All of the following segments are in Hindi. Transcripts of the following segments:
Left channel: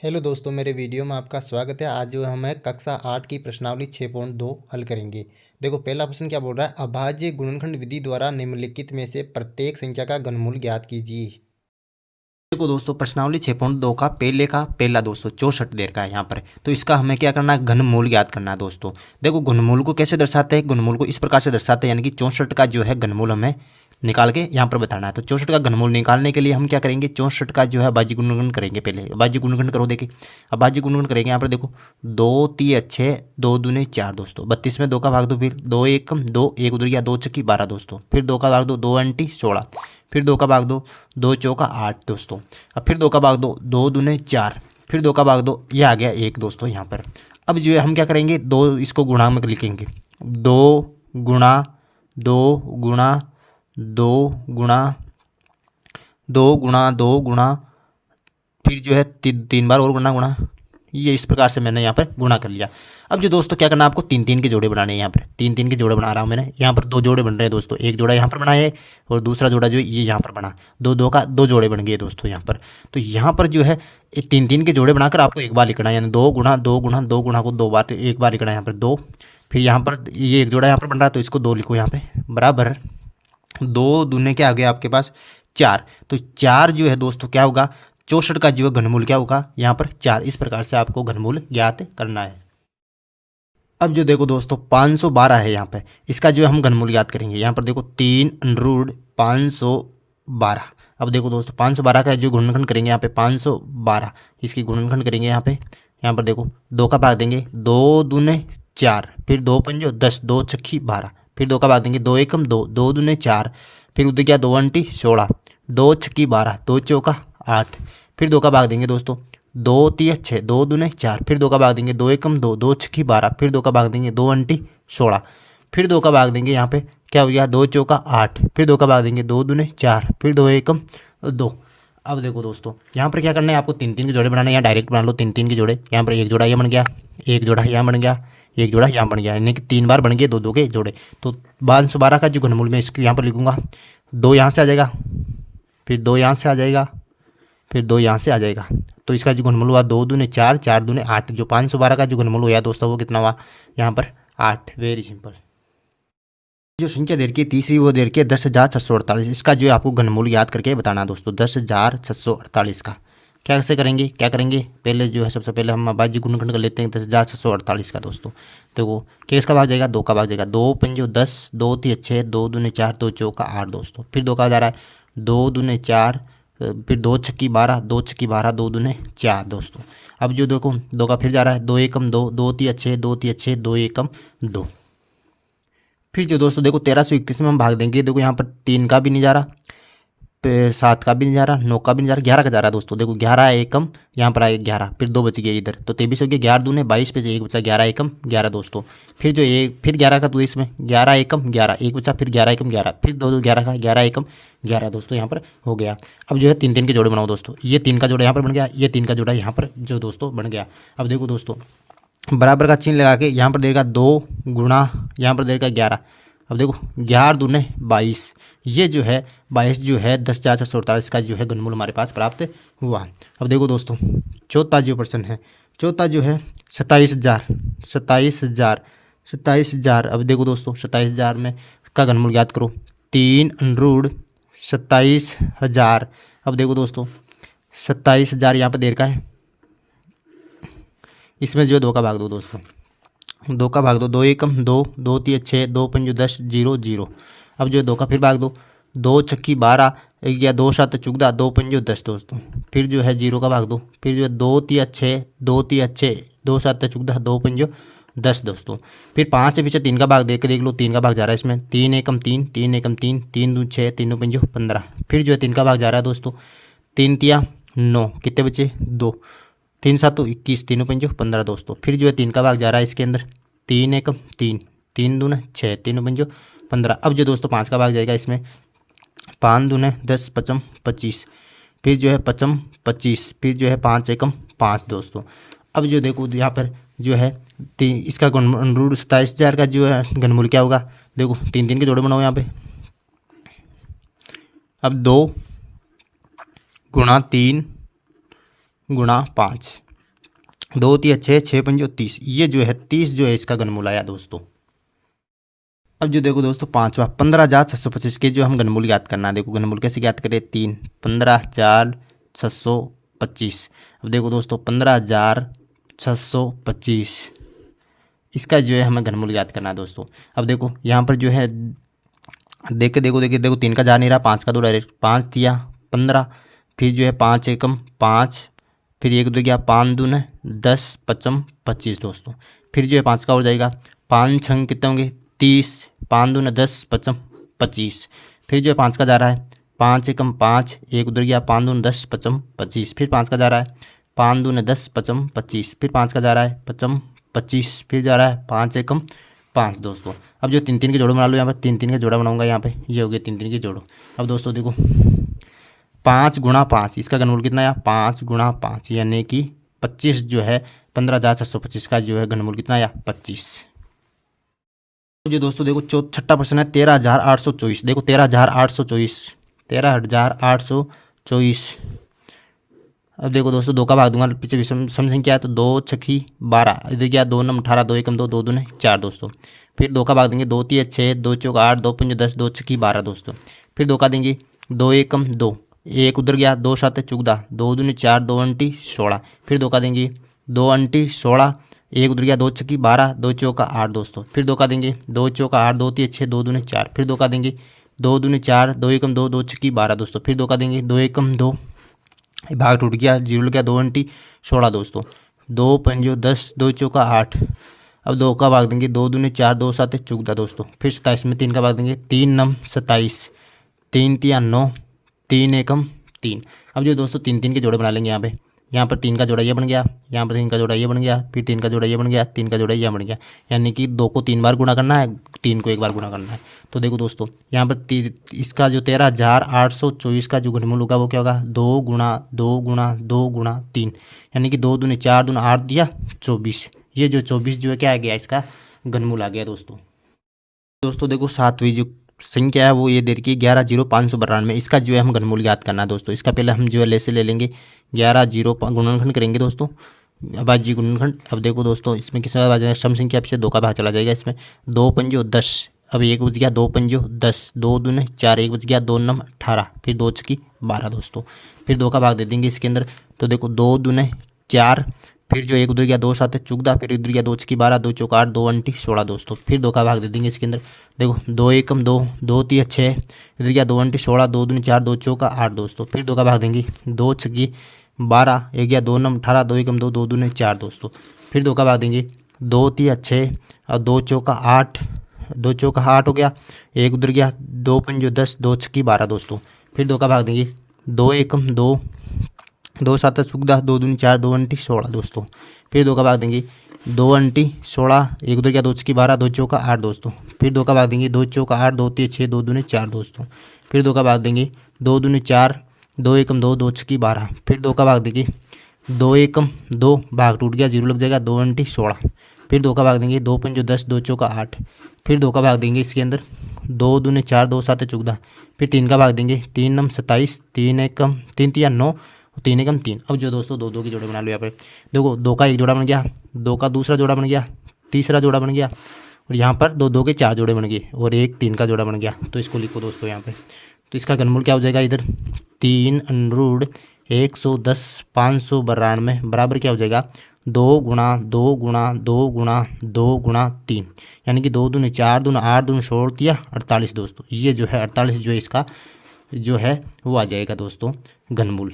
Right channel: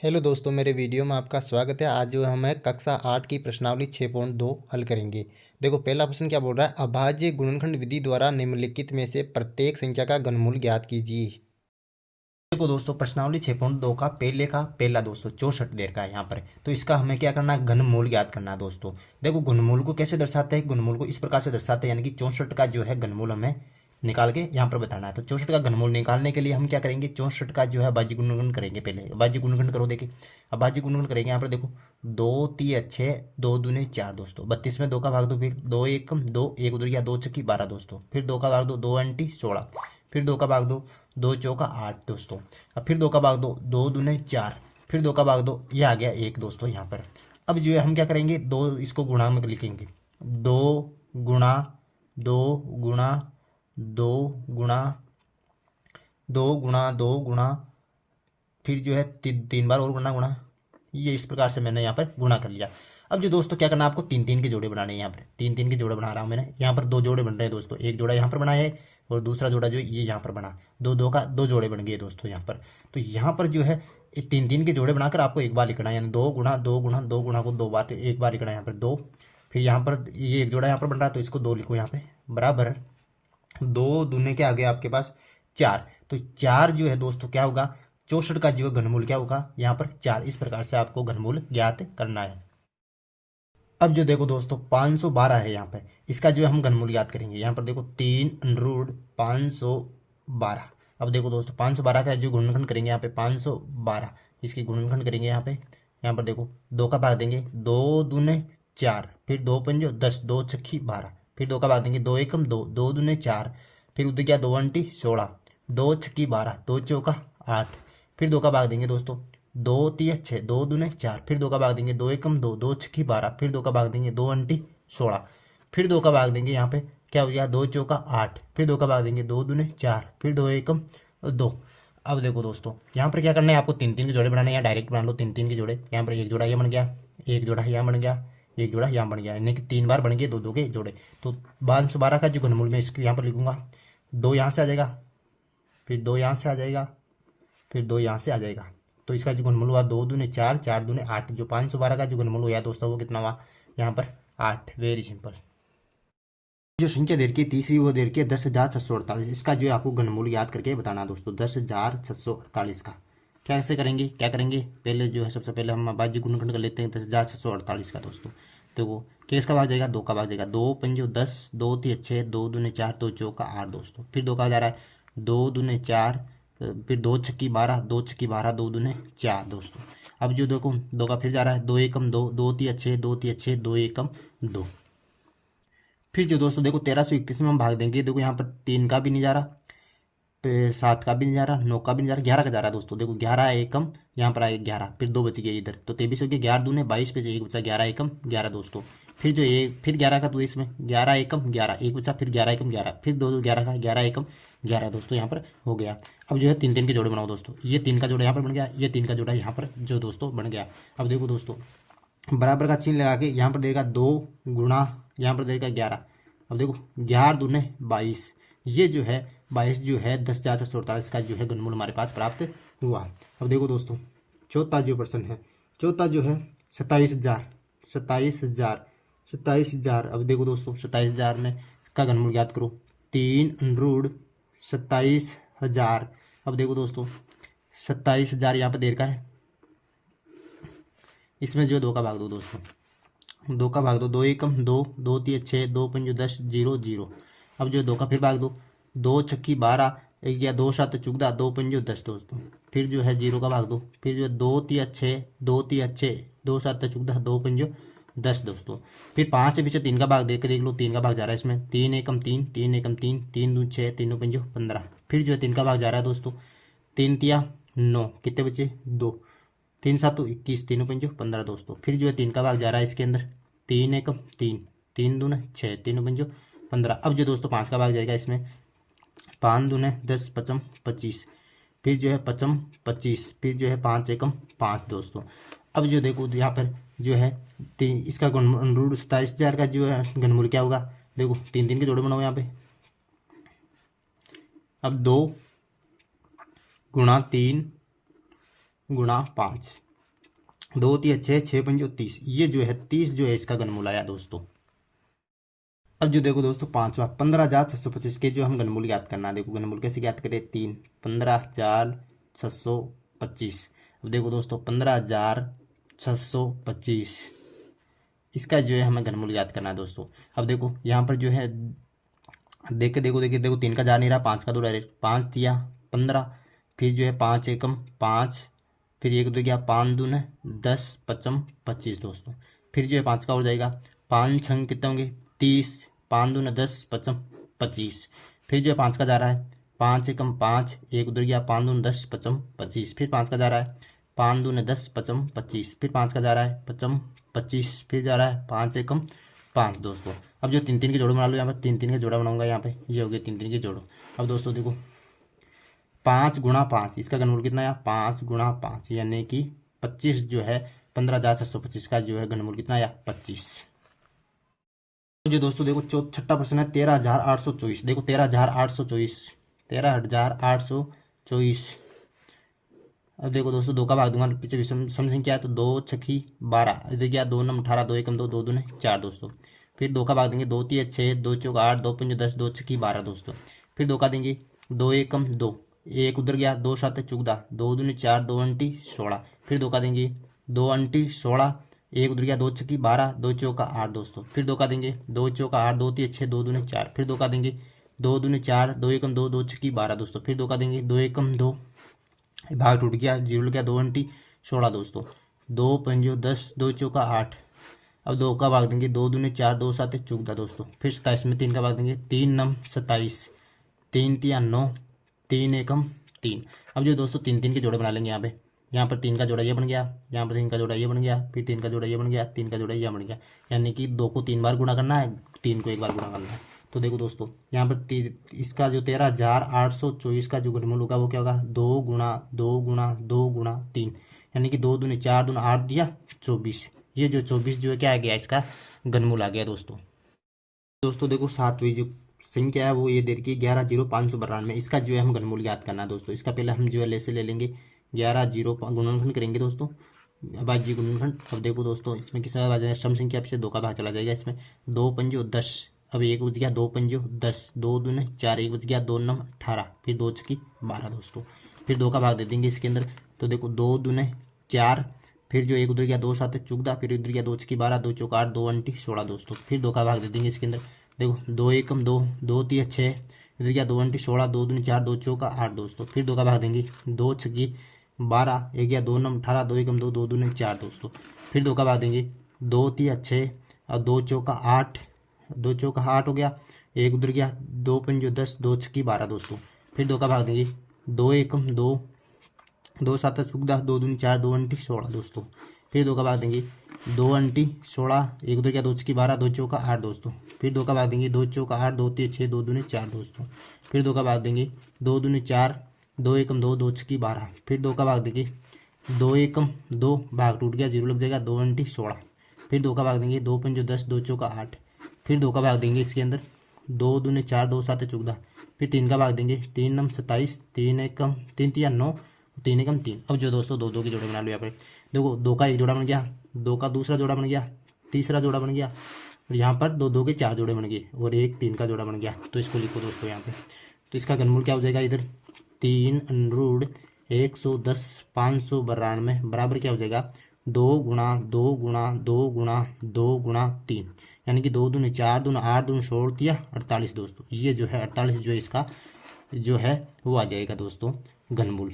हेलो दोस्तों, मेरे वीडियो में आपका स्वागत है। आज जो हम कक्षा 8 की प्रश्नावली 6.2 हल करेंगे। देखो, पहला प्रश्न क्या बोल रहा है। अभाज्य गुणनखंड विधि द्वारा निम्नलिखित में से प्रत्येक संख्या का घनमूल ज्ञात कीजिए। देखो दोस्तों, प्रश्नावली 6.2 का पहला दोस्तों 64 देर का है यहाँ पर। तो इसका हमें क्या करना है, घनमूल ज्ञात करना है दोस्तों। देखो, घनमूल को कैसे दर्शाते हैं, घनमूल को इस प्रकार से दर्शाते हैं, यानी कि 64 का जो है घनमूल हमें निकाल के यहाँ पर बताना है। तो 64 का घनमूल निकालने के लिए हम क्या करेंगे, 64 का जो है अभाज्य गुणनखंड करेंगे। पहले अभाज्य गुणनखंड करो। देखिए, अभाज्य गुणनखंड करेंगे यहाँ पर। देखो, 2 3 अच्छे 2 दूने 4 दोस्तों। 32 में 2 का भाग दो, फिर 2 1 2 1 उधर गया, 2 छक्की 12 दोस्तों। फिर 2 का भाग दो, 2 अंटी 16। फिर 2 का भाग दो, 2 चौका 8 दोस्तों। अब फिर 2 का भाग दो, 2 दूने 4। फिर 2 का भाग दो, ये आ गया 1 दोस्तों यहाँ पर। अब जो है हम क्या करेंगे, 2 इसको गुणा में लिखेंगे। 2 गुणा 2 गुणा 2 गुणा 2 गुणा फिर जो है 3 बार और गुणा, ये इस प्रकार से मैंने यहाँ पर गुणा कर लिया। अब जो दोस्तों क्या करना है, आपको 3 3 के जोड़े बनाने हैं। यहाँ पर 3 3 के जोड़े बना रहा हूँ मैंने। यहाँ पर 2 जोड़े बन रहे हैं दोस्तों। एक जोड़ा यहाँ पर बना है और दूसरा जोड़ा जो ये यहाँ पर बना। 2 2 का 2 जोड़े बन गए दोस्तों यहाँ पर। तो यहाँ पर जो है 3 3 के जोड़े बनाकर आपको एक बार लिखना है, यानी 2 गुणा 2 गुणा 2 गुणा को 2 बार, एक बार लिखना है यहाँ पर 2। फिर यहाँ पर ये एक जोड़ा यहाँ पर बन रहा है, तो इसको 2 लिखो यहाँ पे बराबर। 2 दूने के आगे आपके पास 4। तो 4 जो है दोस्तों क्या होगा, 64 का जो है घनमूल क्या होगा यहाँ पर 4। इस प्रकार से आपको घनमूल ज्ञात करना है। अब जो देखो दोस्तों 512 है यहाँ पे, इसका जो है हम घनमूल ज्ञात करेंगे। यहाँ पर देखो 3√512। अब देखो दोस्तों 512 का जो गुणनखंड करेंगे यहाँ पे 512, इसकी गुणनखंड करेंगे यहाँ पे। यहाँ पर देखो 2 का भाग देंगे, 2 दूने 4, फिर 2 पंजो 10, 2 छक्की 12। फिर 2 का भाग देंगे, 2 एकम 2, 2 दूने 4। फिर उधर क्या 2 अंटी 16, 2 छक्की 12, 2 चौका 8। फिर 2 का भाग देंगे दोस्तों, 2 3 6, 2 दूने 4। फिर 2 का भाग देंगे, 2 एकम 2, 2 छक्की 12। फिर 2 का भाग देंगे, 2 अंटी 16। फिर 2 का भाग देंगे यहाँ पे क्या हो गया, 2 चौका 8। फिर 2 का भाग देंगे, 2 दूने 4। फिर 2 एकम 2। अब देखो दोस्तों यहाँ पर क्या करना है, आपको 3 3 के जोड़े बनाने हैं, या डायरेक्ट बना लो 3 3 के जोड़े। यहाँ पर एक जोड़ा ये बन गया, एक जोड़ा यहाँ बन गया, एक जोड़ा यहाँ बन गया, यानी कि 3 बार बन गए 2 2 के जोड़े। तो 512 का जो घनमूल मैं इसको यहाँ पर लिखूंगा। 2 यहाँ से आ जाएगा, फिर 2 यहाँ से आ जाएगा, फिर 2 यहाँ से आ जाएगा। तो इसका जो घनमूल हुआ 2 दूने 4, 4 दूने 8। जो 512 का जो घनमूल हुआ दोस्तों वो कितना हुआ यहाँ पर 8। Very simple. जो संख्या दे रखी है तीसरी, वो दे रखी है 10,648। इसका जो है आपको घनमूल याद करके बताना दोस्तों। 10,648 का कैसे करेंगे, क्या करेंगे, पहले जो है सबसे पहले हम अभाज्य गुणनखंड कर लेते हैं 10,648 का दोस्तों। देखो किस का भाग जाएगा, 2 का भाग जाएगा। 2 पंजो 10, 2 3 6, 2 दूने 4, 2 चौका 8 दोस्तों। फिर 2 का जा रहा है 2 दूने 4, फिर 2 छक्की 12, 2 छक्की 12, 2 दूने 4 दोस्तों। अब जो देखो 2 का फिर जा रहा है 2 एकम 2, 2 3 6, 2 3 6, 2 एकम 2। फिर जो दोस्तों देखो 1331 में हम भाग देंगे। देखो यहाँ पर 3 का भी नहीं जा रहा, 7 का भी नहीं जा रहा, 9 का भी नहीं जा रहा, 11 का जा रहा है दोस्तों। देखो 11 एकम यहाँ पर आए 11, फिर 2 बच गए इधर, तो 23 हो गया। 11 दूने 22 पे से एक बचा, 11 एकम 11 दोस्तों। फिर जो एक फिर 11 का, तो इसमें 11 एकम 11 एक बचा, फिर 11 एकम 11, फिर 2 2 11 का, 11 एकम 11 दोस्तों यहाँ पर हो गया। अब जो है 3 3 के जोड़े बनाओ दोस्तों। ये 3 का जोड़ा यहाँ पर बन गया, ये 3 का जोड़ा यहाँ पर जो दोस्तों बन गया। अब देखो दोस्तों बराबर का चिन्ह लगा के यहाँ पर देगा 2 गुणा, यहाँ पर देगा 11। अब देखो 11 दूने 22, ये जो है 22 जो है 10,648 का जो है घनमूल हमारे पास प्राप्त हुआ। अब देखो दोस्तों चौथा जो प्रश्न है, चौथा जो है 27,000 27,000 27,000। अब देखो दोस्तों 27,000 में का घनमूल ज्ञात करो। 3√27,000। अब देखो दोस्तों 27,000 यहाँ पर देर का है, इसमें जो है 2 का भाग दो दोस्तों। 2 का भाग दो, 2 एकम 2, 2 3 6, 2 पंजो 10, 0 0। अब जो 2 का फिर भाग दो, 2 छक्की 12 या 2 7 चुगदा, 2 पंजो 10 दोस्तों। फिर जो है 0 का भाग दो, फिर जो है 2 3 6, 2 3 6, 2 7 चुगदा, 2 पंजो 10 दोस्तों। फिर 5 से पीछे 3 का भाग देख के देख लो, 3 का भाग जा रहा है इसमें। 3 एकम 3, 3 एकम 3, 3 2 6, 3 पंजो 15। फिर जो है 3 का भाग जा रहा है दोस्तों। 3 तिया 9, कितने बचे 2, 3 7 21, 3 पंजो 15 दोस्तों। फिर जो है 3 का भाग जा रहा है इसके अंदर। 3 एकम 3, 3 दूने 6, 3 पंजो 15। अब जो दोस्तों 5 का भाग जाएगा इसमें। 5 दूने 10, पचम 25। फिर जो है पचम 25, फिर जो है 5 एकम 5 दोस्तों। अब जो देखो यहाँ पर जो है इसका √27,000 का जो है घनमूल क्या होगा। देखो 3 3 के जोड़े बनाओ यहाँ पे। अब 2 गुणा 3 गुणा 5, दो तिया छः, छः पंजो 30, ये जो है 30 जो है इसका घनमूल आया दोस्तों। अब जो देखो दोस्तों पांचवा 15,625 के जो हम घनमूल ज्ञात करना है। देखो घनमूल कैसे ज्ञात करें, 3 15,625। अब देखो दोस्तों 15,625 इसका जो है हमें घनमूल ज्ञात करना है दोस्तों। अब देखो यहाँ पर जो है देख के देखो 3 का जा नहीं रहा, 5 का दो डायरेक्ट, 5 तिया 15, फिर जो है 5 एकम 5, फिर 1 2 गया 5 दून 10 पचम 25 दोस्तों। फिर जो है 5 का हो जाएगा, 5 छंग कितने होंगे 30, 5 दून 10 पचम 25। फिर जो है 5 का जा रहा है, 5 एकम 5, 1 उधर गया 5 दून 10 पचम 25। फिर 5 का जा रहा है, 5 दून 10 पचम 25। फिर 5 का जा रहा है पचम 25। फिर जा रहा है 5 एकम 5 दोस्तों। अब जो 3 3 के जोड़ो बना लो, यहाँ पर 3 3 के जोड़ा बनाऊंगा यहाँ पे, ये हो गया 3 3 के जोड़ो। अब दोस्तों देखो 5 गुणा 5 इसका घनमूल कितना आया, 5 गुणा 5 यानी कि 25 जो है 15,625 का जो है घनमूल कितना आया 25। जो दोस्तों देखो छठा प्रश्न है 13,824। देखो 13,824, 13,824। अब देखो दोस्तों 2 का भाग दूंगा, पीछे विषम सम संख्या है तो 2 छक्की 12, इधर गया 2 नम 18, 2 एकम 2, 2 दूने 4 दोस्तों। फिर 2 का भाग देंगे, 2 तिया 6, 2 चौक 8, 2 पंज 10, 2 छक्की 12 दोस्तों। फिर 2 का देंगे, 2 एकम 2, 1 उधर गया 2 सात 14, 2 दूनी 4, 2 अंटी 16। फिर 2 का देंगे 2 अंटी 16, 1 उधर गया 2 छक्की 12, 2 चौका 8 दोस्तों। फिर 2 का देंगे 2 चौका 8, 2 तिया 6, 2 दूने 4। फिर 2 का देंगे 2 दूनी 4, 2 एकम 2, 2 छक्की 12 दोस्तों। फिर 2 का देंगे 2 एकम 2, भाग टूट गया, जीरो लग गया, 2 अंटी 16 दोस्तों। 2 पंजो 10, 2 चौका 8। अब 2 का भाग देंगे, 2 दूने 4, 2 सात 14 दोस्तों। फिर 27 में 3 का भाग देंगे, 3 नम 27, 3 तिया 9, 3 एकम 3। अब जो दोस्तों 3 3 के जोड़े बना लेंगे यहाँ पर 3 का जोड़ा ये बन गया, यहाँ पर 3 का जोड़ा ये बन गया, फिर 3 का जोड़ा ये बन गया, 3 का जोड़ा ये बन गया। यानी कि 2 को 3 बार गुणा करना है, 3 को 1 बार गुणा करना है। तो देखो दोस्तों यहाँ पर इसका जो 13,824 का जो घनमूल होगा वो क्या होगा, 2 गुणा 2 गुणा 2 गुणा 3, यानी कि 2 दूनी 4 दूना 8 दिया 24। ये जो 24 जो है क्या आ गया, इसका घनमूल आ गया दोस्तों। दोस्तों देखो सातवीं जो संख्या है वो ये दे रखी है 11,0592। इसका जो है हम घनमूल ज्ञात करना है दोस्तों। इसका पहले हम जो है ले से ले लेंगे 11 गुणनखंड करेंगे दोस्तों, अभाज्य गुणनखंड। अब देखो दोस्तों इसमें किस तरह सम संख्या से 2 का भाग चला जाएगा, इसमें 2 पंजो 10, अब 1 बच गया 2 पंजो 10, 2 दूने 4, 1 बच गया 2 नम 18, फिर 2 छक्की 12 दोस्तों। फिर 2 का भाग दे देंगे इसके अंदर, तो देखो 2 दूने 4, फिर जो 1 उधर गया 2 सात 14, फिर इधर गया 2 छक्की 12, 2 चौक 8, 2 अंटी 16 दोस्तों। फिर 2 का भाग दे देंगे इसके अंदर, देखो 2 एकम 2, 2 तिया 6, इधर गया 2 अंटी 16, 2 दूनी 4, 2 चौका 8 दोस्तों। फिर 2 का भाग देंगे, 2 छक्की 12, 1 गया 2 नम 18, 2 एकम 2, 2 दूने 4 दोस्तों। फिर 2 का भाग देंगे, 2 तिया 6 और 2 चौका 8, 2 चौका 8 हो गया, 1 उधर गया 2 पंजो 10, 2 छक्की 12 दोस्तों। फिर 2 का भाग देंगे, 2 एकम 2, 2 सात 14, 2 दूनी 4, 2 अंटी 16 दोस्तों। फिर 2 का भाग देंगे, 2 अंटी 16, 1 उधर गया 2 छक्की 12, 2 चौका 8 दोस्तों। फिर 2 का भाग देंगे, 2 चौका 8, 2 तिया 6, 2 दूने 4 दोस्तों। फिर 2 का भाग देंगे, 2 दूने 4, 2 एकम 2, 2 छक्की 12। फिर 2 का भाग देंगे, 2 एकम 2, भाग टूट गया, जीरो लग जाएगा, 2 अंटी 16। फिर 2 का भाग देंगे, 2 पंजो 10, 2 चौका 8। फिर 2 का भाग देंगे इसके अंदर, 2 दूने 4, 2 सात 14। फिर 3 का भाग देंगे, 3 नम 27, 3 एकम 3 तिया 9, 3 एकम 3। अब जो दोस्तों 2 2 के जोड़े बना लो यहाँ पे, देखो 2 का एक जोड़ा बन गया, 2 का दूसरा जोड़ा बन गया, तीसरा जोड़ा बन गया, और यहाँ पर 2 2 के 4 जोड़े बन गए, और एक 3 का जोड़ा बन गया। तो इसको लिखो दोस्तों यहाँ पे। तो इसका घनमूल क्या हो जाएगा, इधर 3 √ 110 592 बराबर क्या हो जाएगा, 2 गुणा 2 गुणा 2 गुणा 2 गुणा 3, यानी कि 2 दूने 4 दूना 8 दूने 16 दिया 48 दोस्तों। ये जो है 48 जो है इसका जो है वो आ जाएगा दोस्तों घनमूल।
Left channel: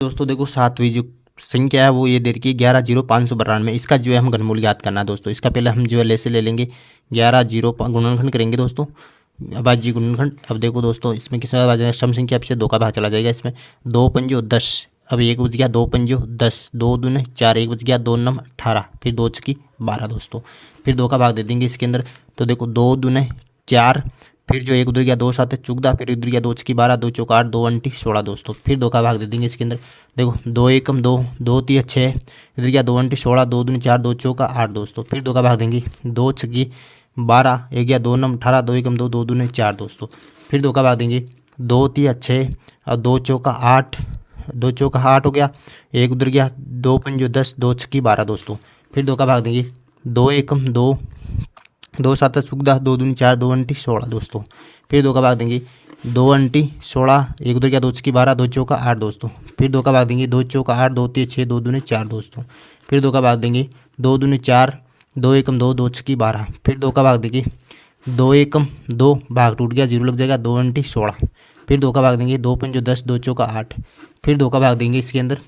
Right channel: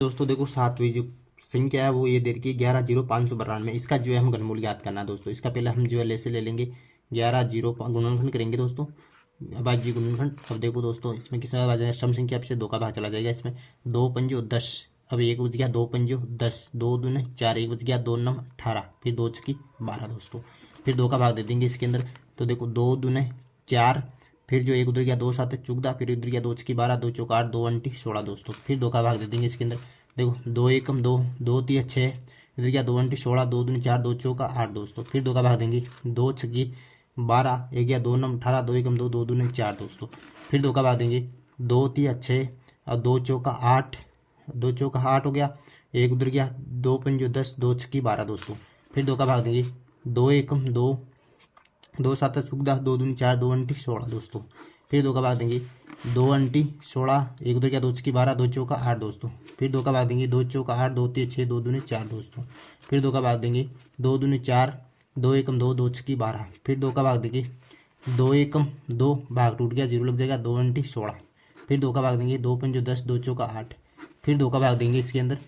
दोस्तों देखो सातवीं जो संख्या है वो ये दे रखी है 11,0592। इसका जो है हम घनमूल ज्ञात करना है दोस्तों। इसका पहले हम जो है ले से ले लेंगे 11 गुणनखंड करेंगे दोस्तों, अभाज्य गुणनखंड। अब देखो दोस्तों इसमें किस तरह सम संख्या से 2 का भाग चला जाएगा, इसमें 2 पंजो 10, अब 1 बच गया 2 पंजो 10, 2 दूने 4, 1 बच गया 2 नम 18, फिर 2 छक्की 12 दोस्तों। फिर 2 का भाग दे देंगे इसके अंदर, तो देखो 2 दूने 4, फिर जो 1 उधर गया 2 सात 14, फिर इधर गया 2 छक्की 12, 2 चौक 8, 2 अंटी 16 दोस्तों। फिर 2 का भाग दे देंगे इसके अंदर, देखो 2 एकम 2, 2 तिया 6, इधर गया 2 अंटी 16, 2 दूनी 4, 2 चौका 8 दोस्तों। फिर 2 का भाग देंगे, 2 छक्की 12, 1 गया 2 नम 18, 2 एकम 2, 2 दूने 4 दोस्तों। फिर 2 का भाग देंगे, 2 तिया 6 और 2 चौका 8, दो चौका 8 हो गया, एक उधर गया, 2 पंजो 10, 2 छक्की 12 दोस्तों। फिर 2 का भाग देंगे, 2 एकम 2, 2 सात चौदह, 2 दूनी 4, 2 अंटी 16 दोस्तों। फिर 2 का भाग देंगे, 2 अंटी 16, एक उधर गया, 2 छक्की 12, 2 चौका 8 दोस्तों। फिर 2 का भाग देंगे, 2 चौका 8, 2 तीन 6, 2 दूनी 4 दोस्तों। फिर 2 का भाग देंगे, 2 दूनी 4, 2 एकम 2, 2 छक्की 12। फिर 2 का भाग देंगे, 2 एकम 2, भाग टूट गया, 0 लग जाएगा, 2 अंटी 16। फिर 2 का भाग देंगे, 2 पंजो 10, 2 चौका 8। फिर 2 का भाग देंगे इसके अंदर,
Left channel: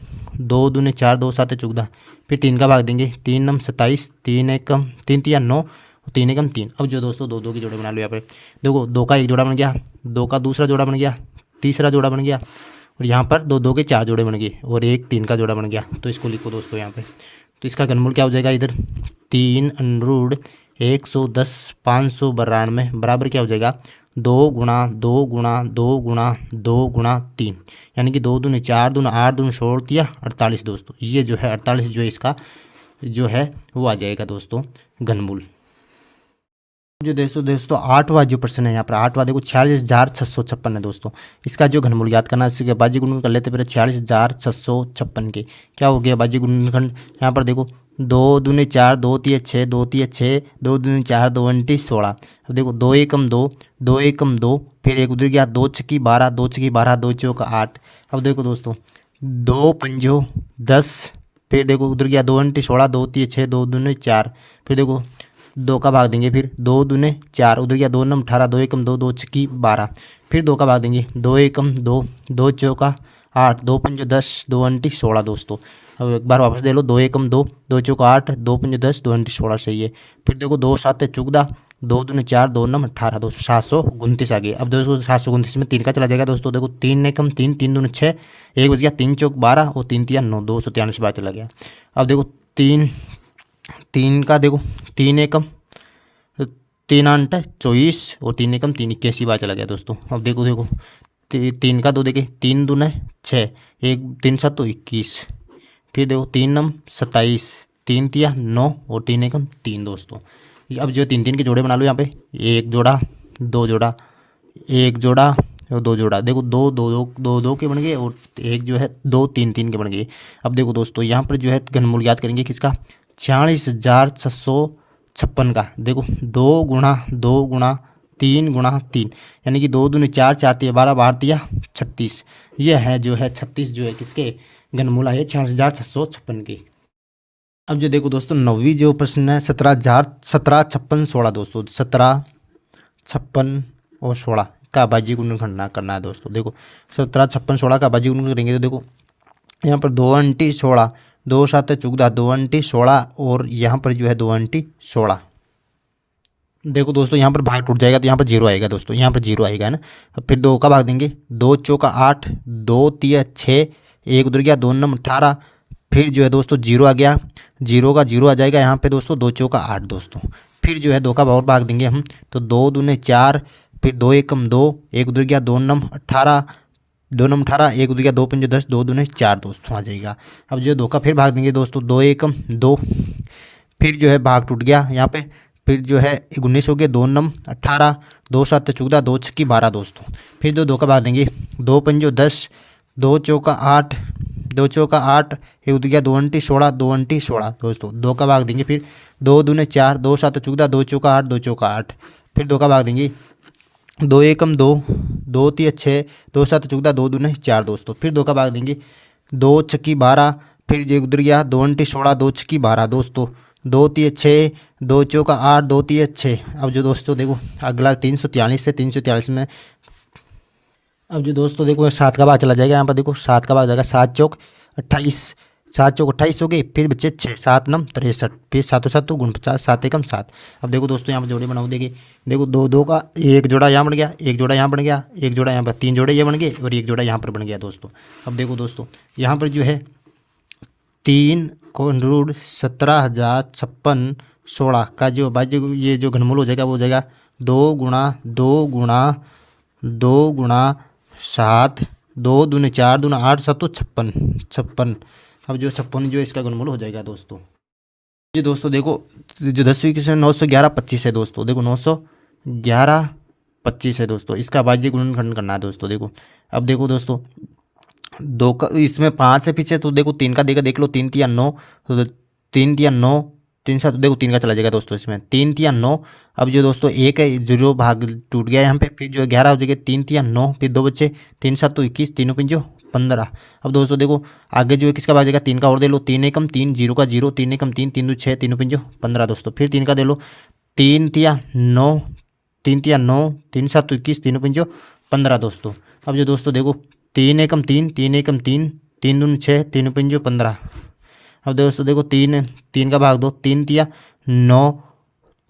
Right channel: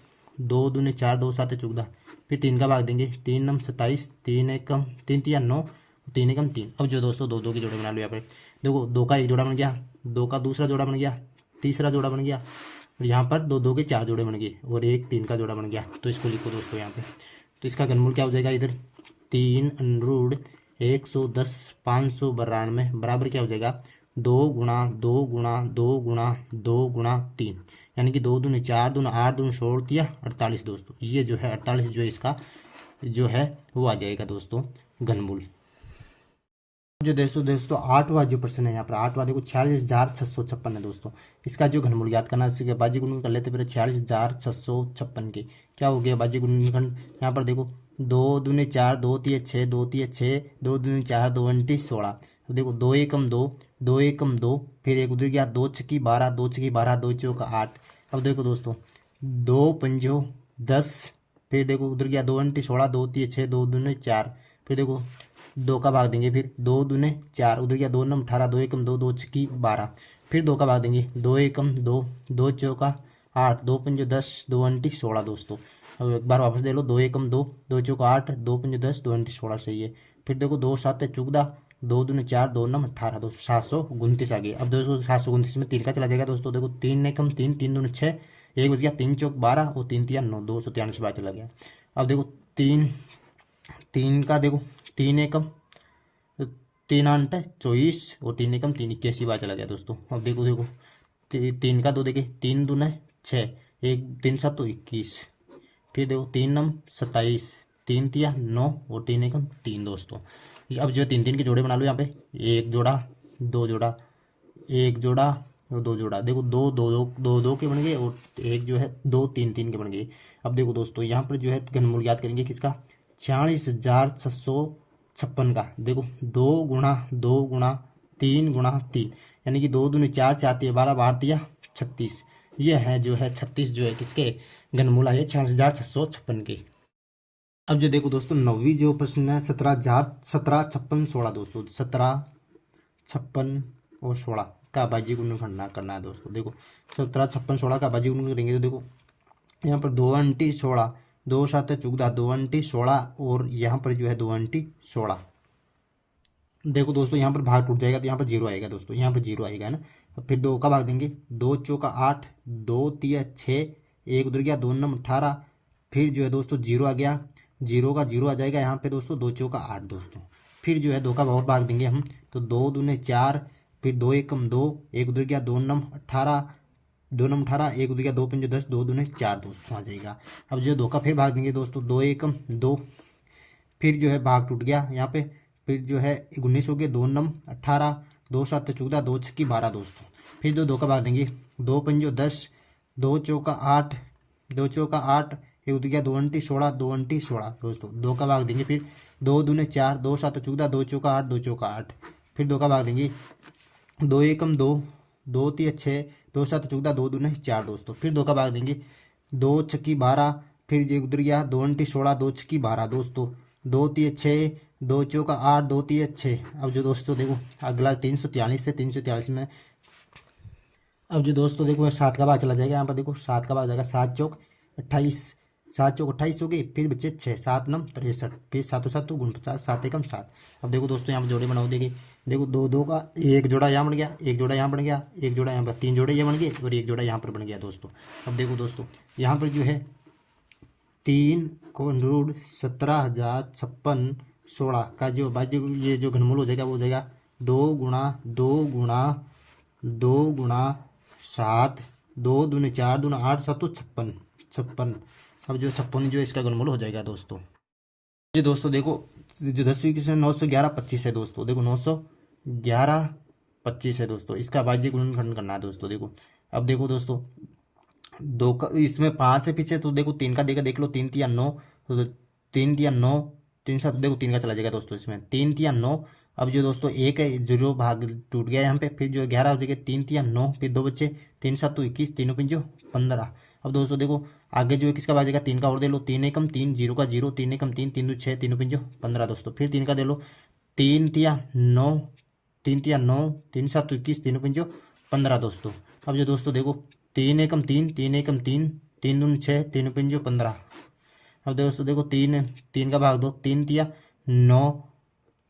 2 दूने 4, 2 सात 14। फिर 3 का भाग देंगे, 3 नम 27, 3 एकम 3 तिया 9, 3 एकम 3। अब जो दोस्तों 2 2 की जोड़े बना लो यहाँ पे। देखो 2 का एक जोड़ा बन गया, 2 का दूसरा जोड़ा बन गया, तीसरा जोड़ा बन गया, और यहाँ पर 2 2 के 4 जोड़े बन गए, और एक 3 का जोड़ा बन गया। तो इसको लिखो दोस्तों यहाँ पे। तो इसका घनमूल क्या हो जाएगा इधर, 3 √ 110 592 बराबर क्या हो जाएगा, 2 गुणा 2 गुणा 2 गुणा 2 गुणा 3, यानी कि 2 दूने 4, दूने 8, दूने 16 तिया 48 दोस्तों। ये जो है 48 जो है इसका जो है वो आ जाएगा दोस्तों घनमूल। जो दोस्तों 8वां जो प्रश्न है यहाँ पर, 8वां देखो 46,656 है दोस्तों। इसका जो घनमूल याद करना है, इसके बाजी गुणनखंड कर लेते पहले। 46,656 के क्या हो गया बाजी गुणनखंड, यहाँ पर देखो 2 दूने 4, 2 तिया 6, 2 तिया 6, 2 दूने 4, 2 अंटी 16। अब देखो 2 एकम 2, 2 एकम 2, फिर एक उधर गया, 2 छक्की 12, 2 छक्की 12, 2 चौका 8। अब देखो दोस्तों 2 पंजो 10, फिर देखो उधर गया, 2 अंटी 16, 2 तिया 6, 2 दूने 4। फिर देखो 2 का भाग देंगे, फिर 2 दूने 4, उधर गया 2 नम 18, 2 एकम 2, 2 छक्की 12। फिर 2 का भाग देंगे, 2 एकम 2, 2 चौका 8, 2 पंजो 10, 2 अंटी 16 दोस्तों। अब एक बार वापस दे लो, 2 एकम 2, 2 चौका 8, 2 पंजो 10, 2 अंटी 16 सही है। फिर देखो 2 सात 14, 2 दूने 4, 2 नम 18 दोस्तों, 729 आ गए। अब दोस्तों 729 में 3 का चला जाएगा दोस्तों। देखो 3 एकम 3, 3 दूने 6, एक बच गया, 3 चौक 12, और 3 तिया 9, 243 बार चला गया। अब देखो 3 का देखो 3 एकम 3 8 24, और 3 एकम 3 81 बार चला गया दोस्तों। अब देखो 3 का 2 देखे, 3 दूने 6, एक 3 7 तो 21। फिर देखो 3 नम 27, 3 तिया 9, और 3 एकम 3 दोस्तों। अब जो 3 3 के जोड़े बना लो यहाँ पे, एक जोड़ा, 2 जोड़ा, एक जोड़ा और 2 जोड़ा। देखो 2 2 2 2 2 के बन गए, और एक जो है 2 3 3 के बन गए। अब देखो दोस्तों यहाँ पर जो है घनमूल याद करेंगे किसका, 46,656 का। देखो 2 गुणा 2 गुणा 3 गुणा 3, यानी कि 2 दूने 4, 4 तिया 12, 12 तिया 36। यह है जो है 36 जो है किसके घनमूल आए 46,656 के। अब जो देखो दोस्तों 9वीं जो प्रश्न है, 17 56 16 दोस्तों। 17 56 और 16 का बाजी गुणनखंड करना है दोस्तों। देखो 17 56 16 का बाजी गुणनखंड करेंगे तो देखो यहाँ पर 2 अंटी 16, 2 सात 14, 2 अंटी 16, और यहाँ पर जो है 2 अंटी 16। देखो दोस्तों यहाँ पर भाग टूट जाएगा तो यहाँ पर 0 आएगा दोस्तों, यहाँ पर 0 आएगा है ना। फिर 2 का भाग देंगे, 2 चौका 8, 2 तिया 6, एक उधर गया, 2 नम 18। फिर जो है दोस्तों 0 आ गया, 0 का 0 आ जाएगा यहाँ पे दोस्तों, 2 चौका 8 दोस्तों। फिर जो है 2 का और भाग देंगे हम, तो 2 दूने 4, फिर 2 एकम 2, एक उधर गया, 2 नम 18, 2 नम 18, एक उधर गया, 2 पंजे 10, 2 दूने 4 दोस्तों आ जाएगा। अब जो 2 का फिर भाग देंगे दोस्तों, 2 एकम 2, फिर जो है भाग टूट गया यहाँ पे, फिर जो है 19 हो गए, 2 नम 18, 2 सात 14, 2 छक्की 12 दोस्तों। फिर जो 2 का भाग देंगे, 2 पंजो 10, 2 चौका 8, 2 चौका 8, एक उधर गया, 2 अंटी 16, 2 अंटी 16 दोस्तों। 2 का भाग देंगे, फिर 2 दूने 4, 2 सात 14, 2 चौका 8, 2 चौका 8। फिर 2 का भाग देंगे, 2 एकम 2, 2 तिया 6, 2 सात 14, 2 दूने 4 दोस्तों। फिर 2 का भाग देंगे, 2 छक्की 12, फिर जो उधर गया, 2 अंटी 16, 2 छक्की 12 दोस्तों, 2 तिया 6, 2 चौका 8, 2 तिया 6। अब जो दोस्तों देखो अगला 343 से 343 में, अब जो दोस्तों देखो 7 का भाग चला जाएगा यहाँ पर। देखो 7 का भाग जाएगा, 7 चौक 28, 7 चौक 28 हो गई, फिर बच्चे 6, 7 नम 63, फिर 7 7 तो 49, 7 एकम 7। अब देखो दोस्तों यहाँ पर जोड़े बनाओ, देखो 2 2 का एक जोड़ा यहाँ बन गया, एक जोड़ा यहाँ बन गया, एक जोड़ा यहाँ पर, 3 जोड़े ये बन गए, और एक जोड़ा यहाँ पर बन गया दोस्तों। अब देखो दोस्तों यहाँ पर जो है 3 √ 17,056 16 का जो बाजी ये जो घनमूल हो जाएगा वो हो जाएगा 2 गुणा 2 गुणा 2 गुणा 7, 2 दूने 4, दूना 8, 7 तो 56। अब जो 56 जो इसका घनमूल हो जाएगा दोस्तों। ये दोस्तों देखो जो 10वीं क्वेश्चन 911 25 है दोस्तों। देखो 911 25 है दोस्तों, इसका बाजी गुणनखंड करना है दोस्तों। देखो अब देखो दोस्तों दो का इसमें 5 है पीछे, तो देखो 3 का देगा, देख लो 3 तिया 9, तो 3 तिया 9, 3 7, देखो 3 का चला जाएगा दोस्तों, इसमें 3 तिया 9। अब जो दोस्तों एक है, जीरो भाग टूट गया यहाँ पे, फिर जो 11 हो जाएगा, 3 तिया 9, फिर 2 बच्चे, 3 7 तो 21, तीनों पंजो 15। अब दोस्तों देखो आगे जो है किसका भाग जाएगा, 3 का और दे लो, 3 एकम 3, जीरो का जीरो, 3 एकम 3, 3 2 6, तीनों पंजो 15 दोस्तों। फिर 3 का दे लो, 3 तिया 9, 3 तिया 9, 3 7 तो 21, तीनों पंजो 15 दोस्तों। अब जो दोस्तों देखो 3 एकम 3, 3 एकम 3, 3 दूनी 6, तीनों पंजो 15। अब दोस्तों देखो 3 का भाग दो, 3 तिया 9,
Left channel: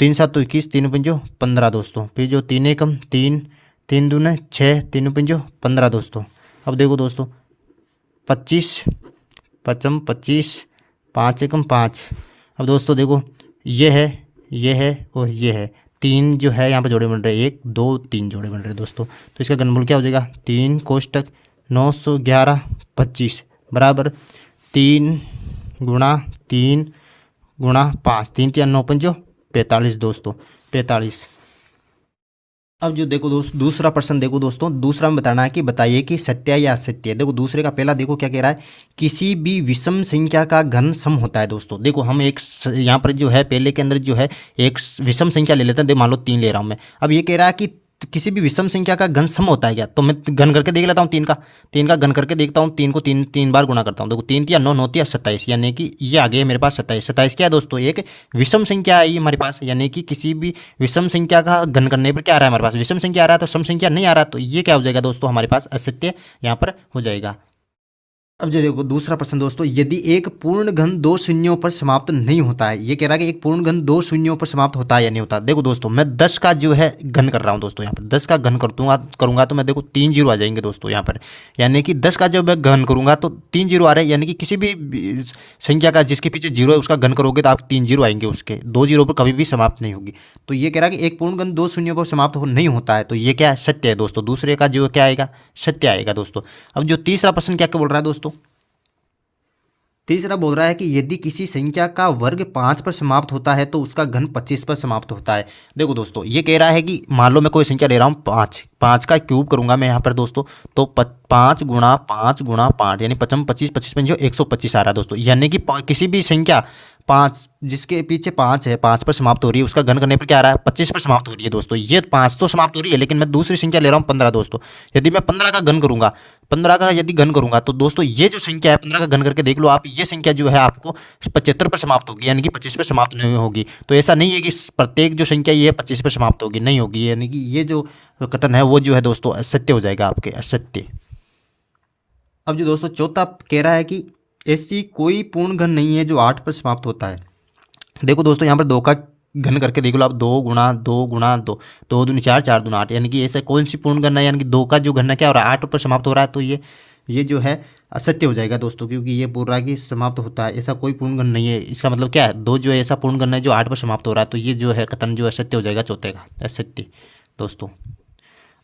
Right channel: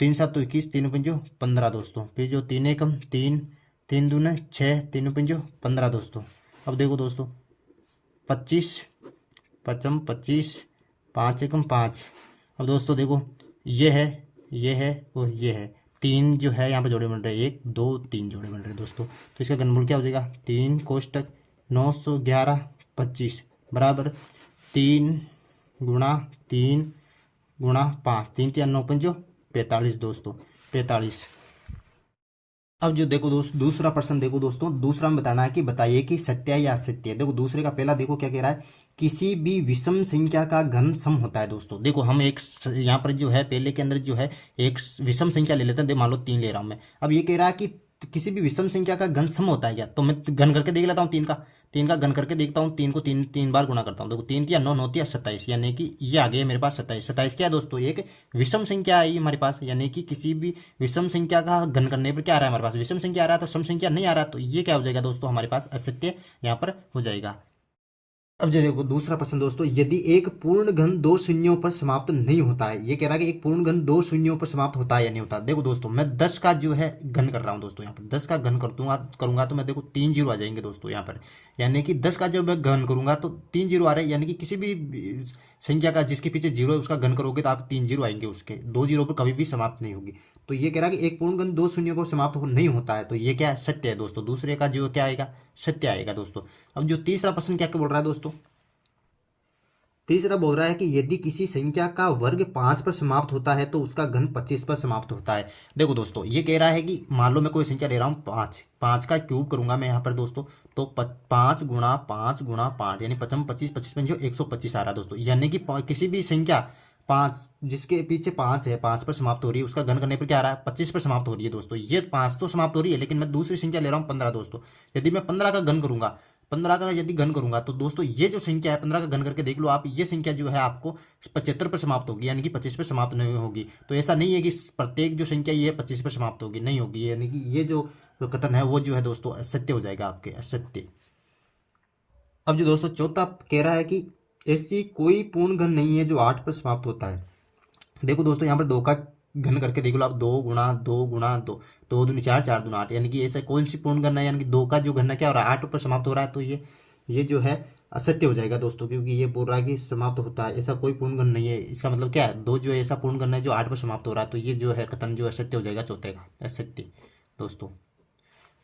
3 7 तो 21, तीनों पंजो 15 दोस्तों। फिर जो 3 एकम 3, 3 दूने 6, तीनों पंजो 15 दोस्तों। अब देखो दोस्तों 25 पचम 25, 5 एकम 5। अब दोस्तों देखो ये है और ये है, 3 जो है यहाँ पर जोड़े बन रहे हैं, 1 2 3 जोड़े बन रहे हैं दोस्तों। तो इसका घनमूल क्या हो जाएगा, 3 कोष्टक 911 25 बराबर 3 गुणा 3 गुणा 5, 3 तिया 9 पंजो 45 दोस्तों, 45। अब जो देखो दोस्त दूसरा प्रश्न देखो दोस्तों, दूसरा में बताना है कि बताइए कि सत्य या असत्य है। देखो दूसरे का पहला देखो क्या कह रहा है, किसी भी विषम संख्या का घन सम होता है दोस्तों। देखो हम एक यहाँ पर जो है पहले के अंदर जो है एक विषम संख्या ले लेते हैं, देखो मान लो 3 ले रहा हूँ मैं। अब ये कह रहा है कि किसी भी विषम संख्या का घन सम होता है क्या, तो मैं घन करके देख लेता हूँ, 3 का घन करके देखता हूँ, 3 को 3 बार गुणा करता हूँ। देखो 3 तिया 9, 9 तिया 27, यानी कि ये आ गया मेरे पास 27। 27 क्या है दोस्तों, एक विषम संख्या आई हमारे पास, यानी कि किसी भी विषम संख्या का घन करने पर क्या आ रहा है हमारे पास, विषम संख्या आ रहा है, तो सम संख्या नहीं आ रहा, तो ये क्या हो जाएगा दोस्तों हमारे पास असत्य यहाँ पर हो जाएगा। अब जो देखो दूसरा प्रश्न दोस्तों, यदि एक पूर्ण घन 2 शून्यों पर समाप्त नहीं होता है, ये कह रहा है कि एक पूर्ण घन 2 शून्यों पर समाप्त होता है या नहीं होता। देखो दोस्तों मैं 10 का जो है घन कर रहा हूँ दोस्तों, यहाँ पर 10 का घन करूंगा तो मैं देखो 3 जीरो आ जाएंगे दोस्तों यहाँ पर, यानी कि 10 का जब मैं घन करूंगा तो 3 जीरो आ रहे हैं, यानी कि किसी भी संख्या का जिसके पीछे जीरो है उसका घन करोगे तो आप 3 जीरो आएंगे, उसके 2 जीरो पर कभी भी समाप्त नहीं होगी। तो ये कह रहा है कि एक पूर्ण घन 2 शून्यों पर समाप्त नहीं होता है, तो ये क्या है, सत्य है दोस्तों। दूसरे का जो क्या आएगा, सत्य आएगा दोस्तों। अब जो तीसरा प्रश्न क्या बोल रहा है दोस्तों, तीसरा बोल रहा है कि यदि किसी संख्या का वर्ग 5 पर समाप्त होता है तो उसका घन 25 पर समाप्त होता है। देखो दोस्तों ये कह रहा है कि मान लो मैं कोई संख्या ले रहा हूँ 5 का क्यूब करूंगा मैं यहाँ पर दोस्तों, तो 5 गुणा 5 गुणा 5 यानी 55 25 25 में जो 125 आ रहा है दोस्तों, यानी कि किसी भी संख्या 5 जिसके पीछे 5 है, 5 पर समाप्त हो रही है, उसका घन करने पर क्या आ रहा है, 25 पर समाप्त हो रही है दोस्तों। ये 5 तो समाप्त हो रही है, लेकिन मैं दूसरी संख्या ले रहा हूँ 15 दोस्तों। यदि मैं 15 का घन करूंगा, 15 का यदि घन करूंगा तो दोस्तों ये जो संख्या है 15 का घन करके देख लो आप, ये संख्या जो है आपको 75 पर समाप्त होगी, यानी कि 25 पर समाप्त नहीं होगी। तो ऐसा नहीं है कि प्रत्येक जो संख्या ये 25 पर समाप्त होगी, नहीं होगी, यानी कि ये जो कथन है वो जो है दोस्तों असत्य हो जाएगा आपके, असत्य। अब जो दोस्तों चौथा कह रहा है कि ऐसी कोई पूर्ण घन नहीं है जो 8 पर समाप्त होता है। देखो दोस्तों यहाँ पर 2 का घन करके देख लो आप, 2 गुणा 2 गुणा 2, 2 दूनी 4, 4 दूना 8, यानी कि ऐसा कौन सी पूर्ण घन है, यानी कि 2 का जो घन है क्या हो रहा है, 8 पर समाप्त हो रहा है, तो ये जो है असत्य हो जाएगा दोस्तों, क्योंकि ये पूरा की समाप्त होता है, ऐसा कोई पूर्ण घन नहीं है। इसका मतलब क्या है, 2 जो है ऐसा पूर्ण घन है जो 8 पर समाप्त हो रहा है, तो ये जो है कथन जो असत्य हो जाएगा चौथे का, असत्य दोस्तों।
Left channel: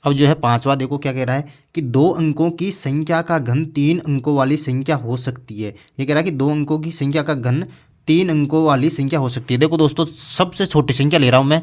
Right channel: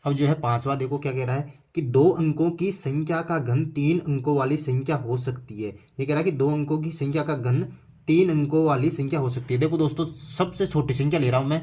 अब जो है पांचवा देखो क्या कह रहा है कि 2 अंकों की संख्या का घन 3 अंकों वाली संख्या हो सकती है। ये कह रहा है कि 2 अंकों की संख्या का घन 3 अंकों वाली संख्या हो सकती है। देखो दोस्तों सबसे छोटी संख्या ले रहा हूँ मैं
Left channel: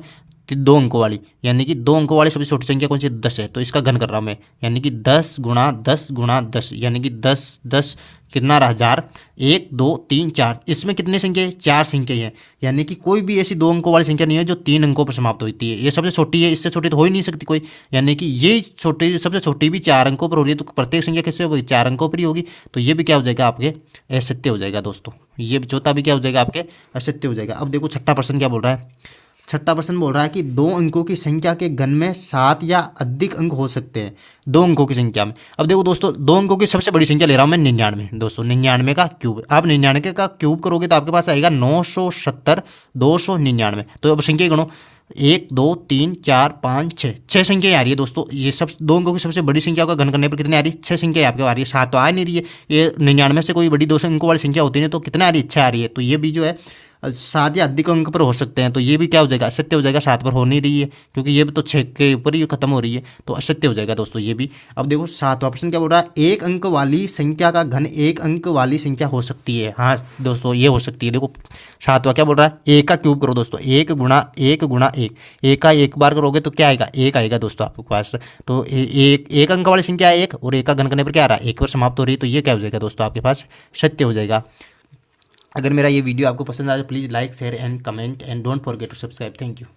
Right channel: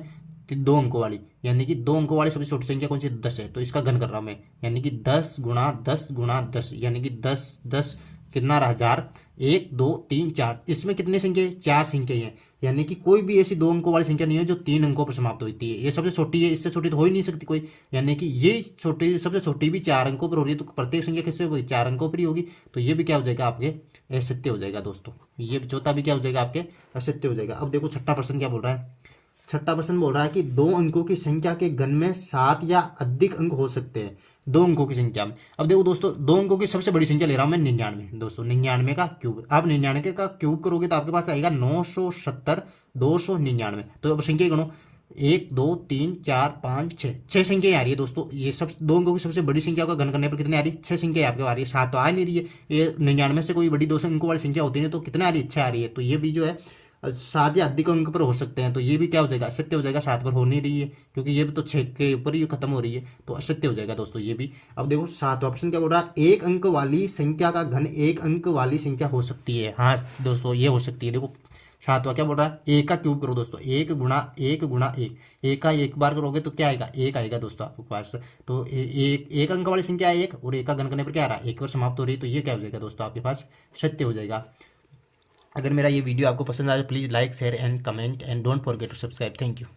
2 अंकों वाली, यानी कि 2 अंकों वाली सबसे छोटी संख्या कौन सी, 10 है, तो इसका घन कर रहा हूँ मैं, यानी कि 10 गुणा 10 गुणा 10, यानी कि 10 10 कितना रहा 1000, 1 2 3 4, इसमें कितनी संख्या है, 4 संख्या है, यानी कि कोई भी ऐसी 2 अंकों वाली संख्या नहीं है जो 3 अंकों पर समाप्त होती है। ये सबसे छोटी है, इससे छोटी तो हो ही नहीं सकती कोई, यानी कि ये छोटी सबसे छोटी भी 4 अंकों पर हो रही है, तो प्रत्येक संख्या किससे होगी, 4 अंकों पर ही होगी। तो ये भी क्या हो जाएगा आपके असत्य हो जाएगा दोस्तों, ये चौथा भी क्या हो जाएगा आपके असत्य हो जाएगा। अब देखो छठा प्रश्न क्या बोल रहा है, छठा प्रश्न बोल रहा है कि 2 अंकों की संख्या के घन में 7 या अधिक अंक हो सकते हैं 2 अंकों की संख्या में। अब देखो दोस्तों 2 अंकों की सबसे बड़ी संख्या ले रहा हूं मैं 99 दोस्तों, 99 का क्यूब, आप 99 का क्यूब करोगे तो आपके पास आएगा 970 299। तो अब संख्या गणो 1 2 3 4 5 6, 6 संख्या आ रही है दोस्तों। ये सब 2 अंकों की सबसे बड़ी संख्या का घन करने पर कितनी आ रही है, 6 संख्या आपके आ रही है, 7 तो आ नहीं रही है। ये 99 से कोई बड़ी 2 अंकों वाली संख्या होती है तो कितना आ रही है, 6 आ रही है। तो ये भी जो है 7 या अधिक अंक पर हो सकते हैं, तो ये भी क्या हो जाएगा, असत्य हो जाएगा, 7 पर हो नहीं रही है क्योंकि ये भी तो 6 के ऊपर ही खत्म हो रही है, तो असत्य हो जाएगा दोस्तों ये भी। अब देखो 7वां प्रश्न क्या बोल रहा है, एक अंक वाली संख्या का घन एक अंक वाली संख्या हो सकती है। हाँ दोस्तों ये हो सकती है। देखो 7वां क्या बोल रहा है, एक का क्यूब करो दोस्तों, एक गुणा एक गुणा एक का एक बार करोगे तो क्या आएगा, एक आएगा दोस्तों आपके पास। तो एक अंक वाली संख्या है एक, और एक का घन करने पर क्या आ रहा है, एक पर समाप्त हो रही है, तो ये क्या हो जाएगा दोस्तों आपके पास, सत्य हो जाएगा। अगर मेरा ये वीडियो आपको पसंद आए तो please like share and comment and don't forget to subscribe. Thank you.